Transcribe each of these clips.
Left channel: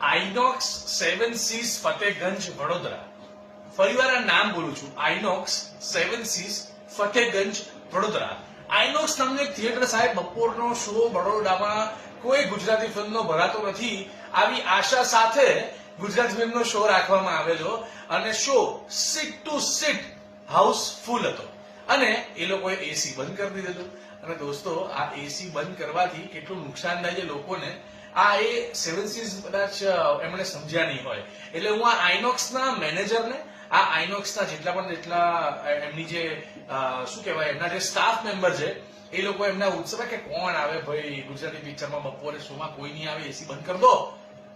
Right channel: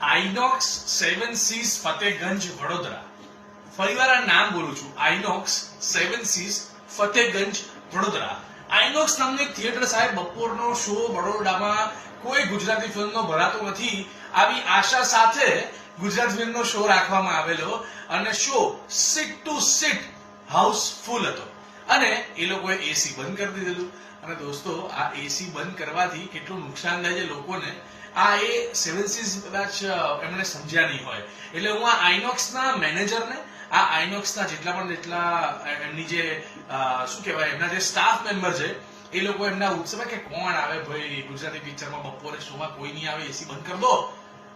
INOX 7 seize Fatehganj Vadodara. ફરીવાર આ નામ બોલું છું, આઇનોક્સ 7 સીઝ ફતેહગંજ વડોદરા. આઇનોક્સ નામનું એક થિયેટર સાહેબ, બપોરનો શો બરોડામાં કોઈ ગુજરાતી ફિલ્મનો ભરાતો નથી આવી આશા સાથે ગુજરાતી ફિલ્મનો શો રાખવામાં આવેલો અને show seat to seat house full હતો અને એ લોકોએ એસી બંધ કરી દીધેલું. અને દોસ્તો, આ એસી બંધ કરવાથી કેટલું નુકસાન થાય છે લોકોને, આ એ 7 સીઝ કદાચ એમણે સમજ્યા નહીં હોય. એટલે હું આ આઇનોક્સના મેનેજરને, આ આઇનોક્સના જેટલા એમની જે શું કહેવાય, એમના જે સ્ટાફ મેમ્બર છે એ લોકો એમના ઉત્સવે કે કોણ આવે ભાઈ ગુજરાતી પિક્ચરમાં, બપોરે શોમાં કોઈ નહીં આવે, એસી બંધ કરી દો.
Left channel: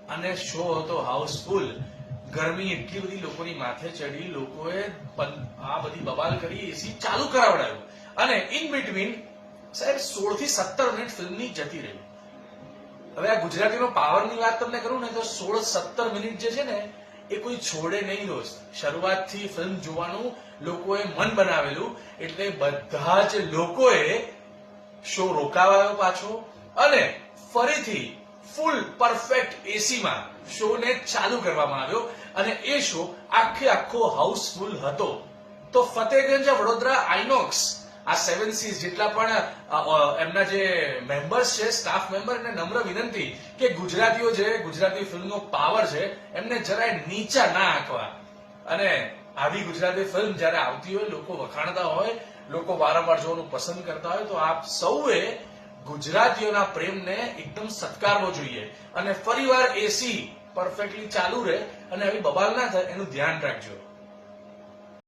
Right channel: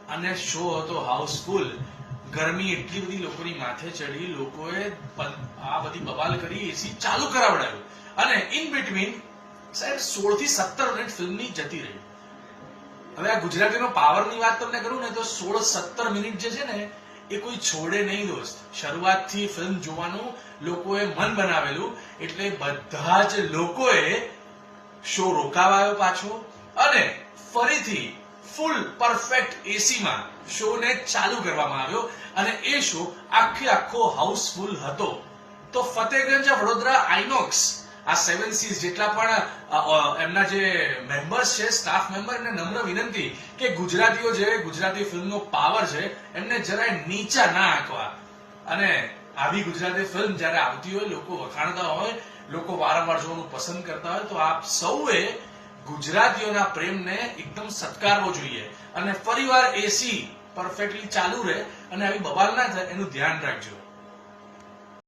અને શો હતો હાઉસફુલ. ગરમી એટલી બધી લોકોની માથે ચડી, લોકોએ આ બધી બબાલ કરી, એસી ચાલુ કરાવડાવ્યું અને ઇન બિટવીન સાહેબ 16 થી 17 મિનિટ ફિલ્મની જતી રહી. હવે આ ગુજરાતીનો પાવરની વાત તમને કરું ને તો 16-17 મિનિટ જે છે ને એ કોઈ છોડે નહીં દોસ્ત. શરૂઆતથી ફિલ્મ જોવાનું લોકોએ મન બનાવેલું એટલે બધા જ લોકોએ શો રોકાવાયો પાછો અને ફરીથી ફૂલ પરફેક્ટ એસીમાં શોને ચાલુ કરવામાં આવ્યો અને એ શો આખો હાઉસફુલ હતો. તો ફતેહગંજ વડોદરા આઇનોક્સ આ 7 સીઝ જેટલા પણ એમના જે મેમ્બર્સ છે, સ્ટાફ મેમ્બર, એને નમ્ર વિનંતી કે ગુજરાતીઓ જે ગુજરાતી ફિલ્મનો પાવર છે એમને જરાય નીચા ના આંકવા. અને આવી ગુજરાતી ફિલ્મ જયારે આવતી હોય, લોકો વખાણતા હોય, લોકો વારંવાર જોવાનું પસંદ કરતા હોય, તો આપ સૌએ ગુજરાતીઓના પ્રેમને એકદમ સત્કારવો જોઈએ અને ફરીવાર એસી પરફેક્ટલી ચાલુ રહે અને આવી બબાલ ના થાય એનું ધ્યાન રાખજો.